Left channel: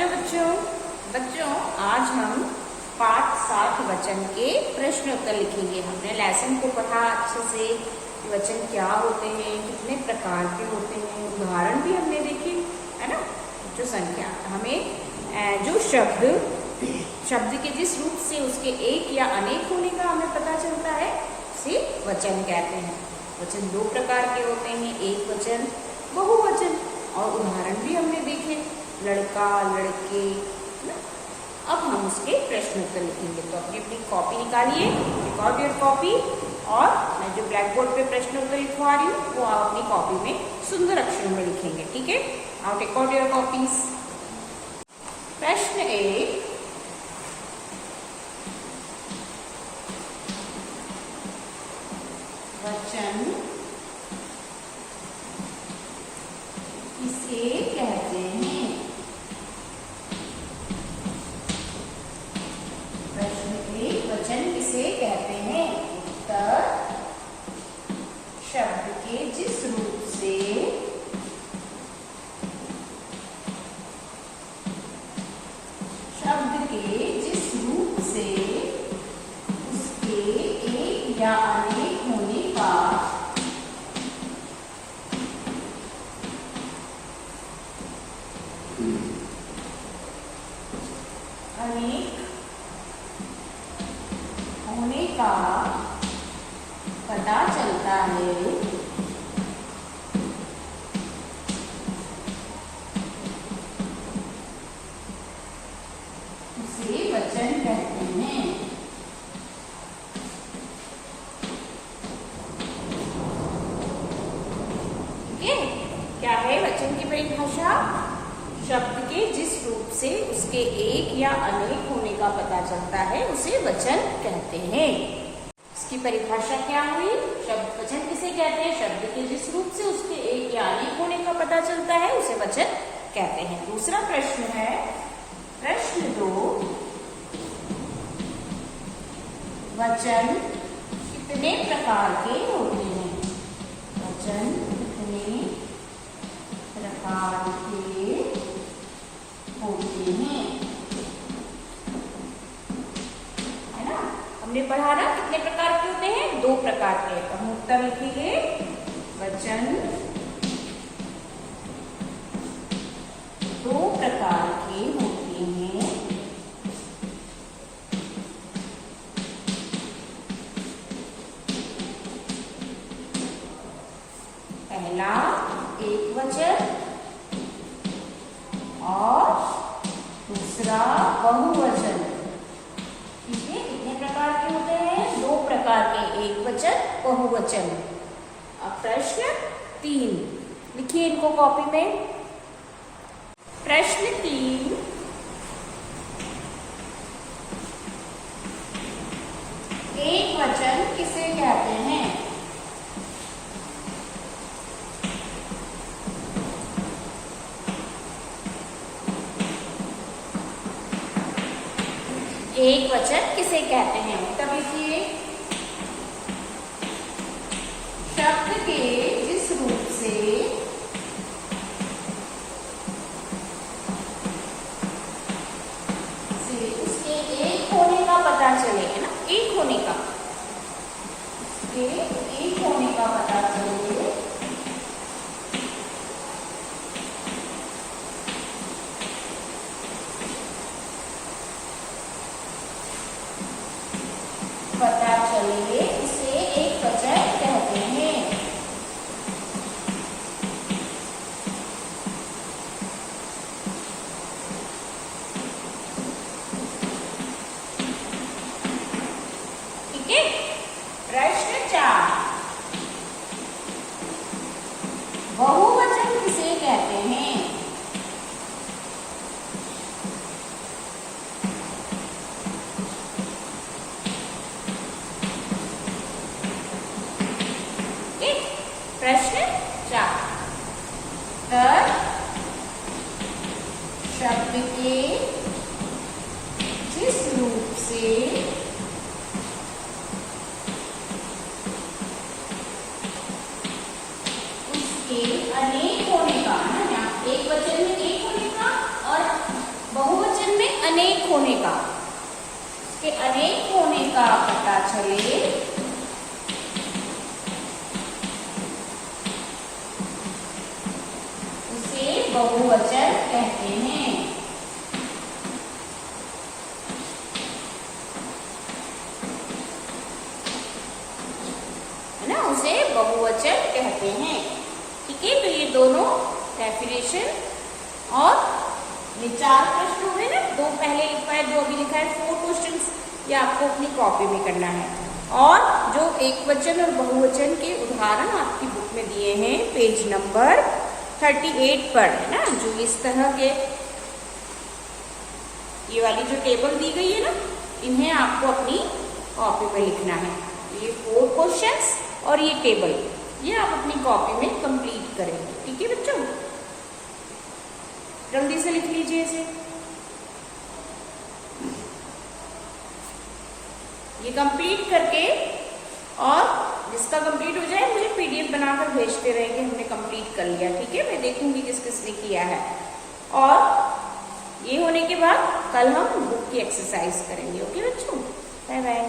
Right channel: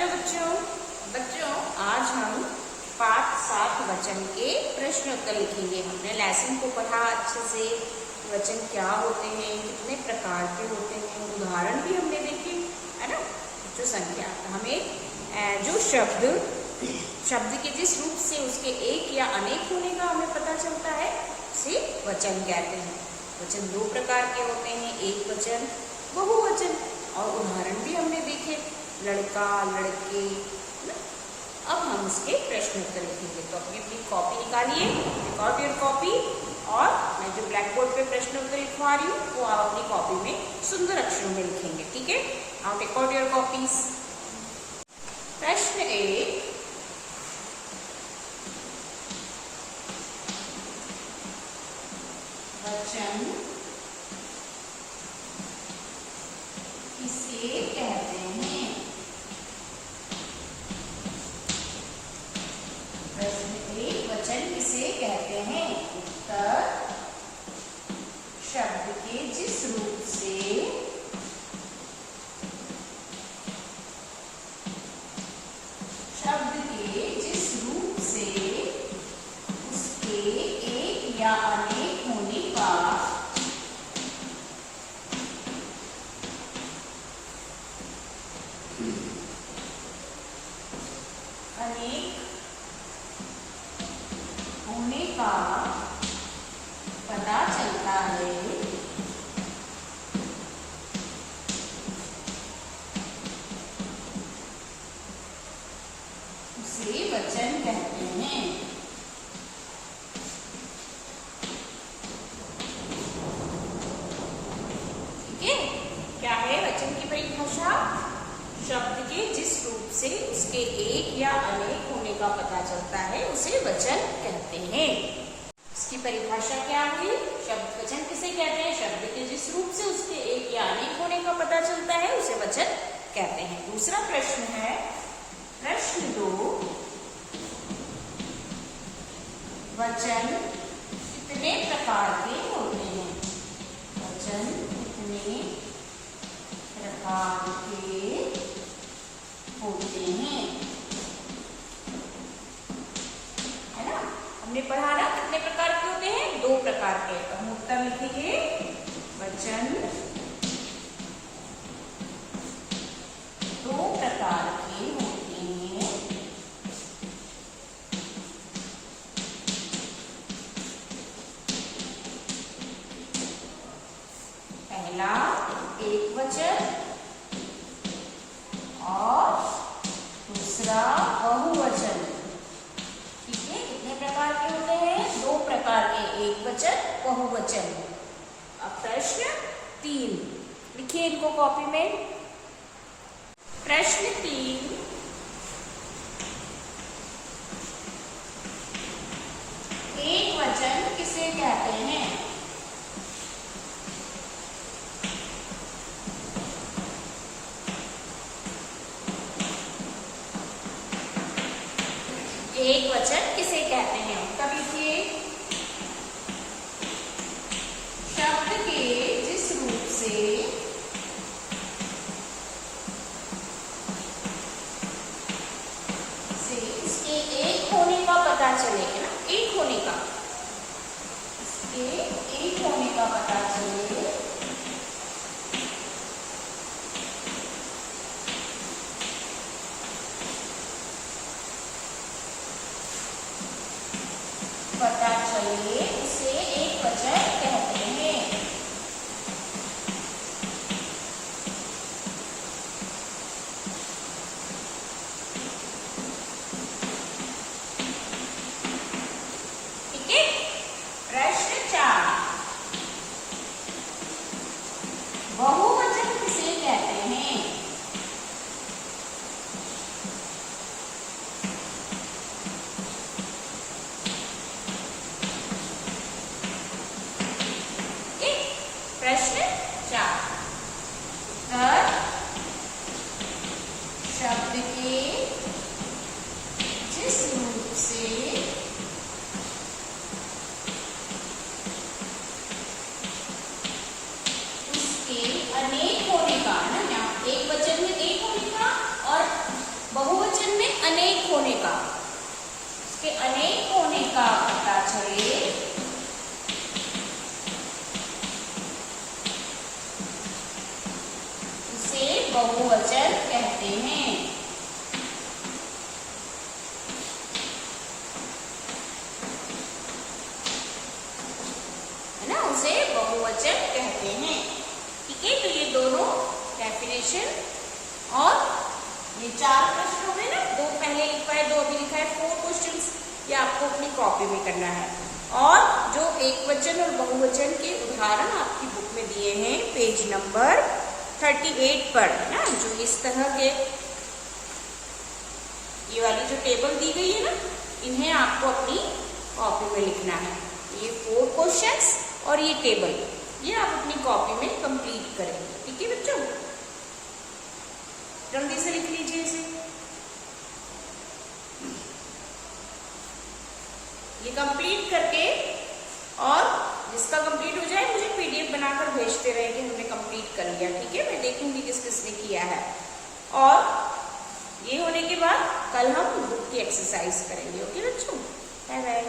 Hello बच्चों आज हम पाठ 7 वचन के प्रश्न उत्तर लिखेंगे। हमने लेसन को पढ़ा अच्छे से, वचन क्या होते हैं, कितने प्रकार के होते हैं, उदाहरण भी हमने देखे, है ना। जो संख्या हमें जो शब्द के जिस रूप से उसके एक या अनेक होने का हमें पता चलता है उसे वचन कहते हैं। वचन 2 प्रकार के होते हैं, एक वचन, बहुवचन, और उदाहरण भी हमने देखे, लड़का, लड़के, ना। अब हम उसके प्रश्न उत्तर लिखेंगे। तो अपनी कॉपी निकालिए, रिकॉर्ड योर कॉपी, और मैं जो ब्लैक बोर्ड पे प्रश्न उत्तर लिखवा रही हूँ वो आप अपनी कॉपी में सुंदर अक्षरों में लिखेंगे, ठीक है। Now record your copies. प्रश्न 1, वचन किसे कहते हैं? प्रश्न 1, वचन किसे कहते हैं? उत्तर, शब्द के जिस रूप से उसके एक या अनेक होने का पता चलता है, उसे वचन कहते हैं। ठीक है, क्या है वचन की परिभाषा? शब्द के जिस रूप से उसके एक या अनेक होने का पता चलता है उसे वचन कहते हैं। इसकी परिभाषा क्या हुई? शब्द वचन किसे कहते हैं? शब्द के जिस रूप से उसके एक या अनेक होने का पता चलता है उसे वचन कहते हैं। दूसरा प्रश्न है, प्रश्न 2, वचन कितने प्रकार के होते हैं? वचन कितने प्रकार के होते हैं? है ना, हमने पढ़ा ना कितने प्रकार के होते हैं? 2 प्रकार के। तो हम उत्तर लिखेंगे, वचन 2 प्रकार के होते हैं। पहला एक वचन और दूसरा बहुवचन। ठीक है, कितने प्रकार के होते हैं? 2 प्रकार के, एक वचन, बहुवचन। अब प्रश्न 3 लिखिए इनको कॉपी में। प्रश्न 3, एक वचन किसे कहते हैं? एक वचन किसे कहते हैं? उत्तर लिखिए, शब्द के जिस रूप से उसके एक होने का पता चले, है ना, एक होने का, उसके एक होने का पता चले उसे एक वचन कहते हैं। ठीक है, प्रश्न 4, बहुवचन किसे कहते हैं? प्रश्न 4, तर शब्द के जिस रूप से उसके अनेक होने का, ना, एक वचन में एक होने का और होने का, के अनेक होने का पता चले उसे बहुवचन कहते हैं। है ना, उसे बहुवचन कहते हैं। ठीक है, तो ये दोनों डेफिनेशन और ये 4 प्रश्न हो गए ना, 2 पहले लिखा है, 2 अभी लिखा है, 4 क्वेश्चंस ये आपको अपनी कॉपी में करना है। और जो एक वचन और बहुवचन के उदाहरण आपकी बुक में दिए हैं पेज नंबर 38 पर, है ना, जो इस तरह के ये वाली जो टेबल दी गई है ना, इन्हें आपको अपनी कॉपी में लिखना है। ये 4 क्वेश्चंस और ये टेबल, ये आप अपनी कॉपी में कंप्लीट करेंगे। ठीक है बच्चों, जल्दी से लिख लीजिए इसे। ये कंप्लीट करके, और जिसका कंप्लीट हो जाए मुझे पीडीएफ बनाकर भेजते रहे कि हमने कंप्लीट कर लिया। ठीक है, मैं देखूंगी किस किसने किया है। और ये होने के बाद कल हम बुक की एक्सरसाइज करेंगे। ओके बच्चों, बाय बाय।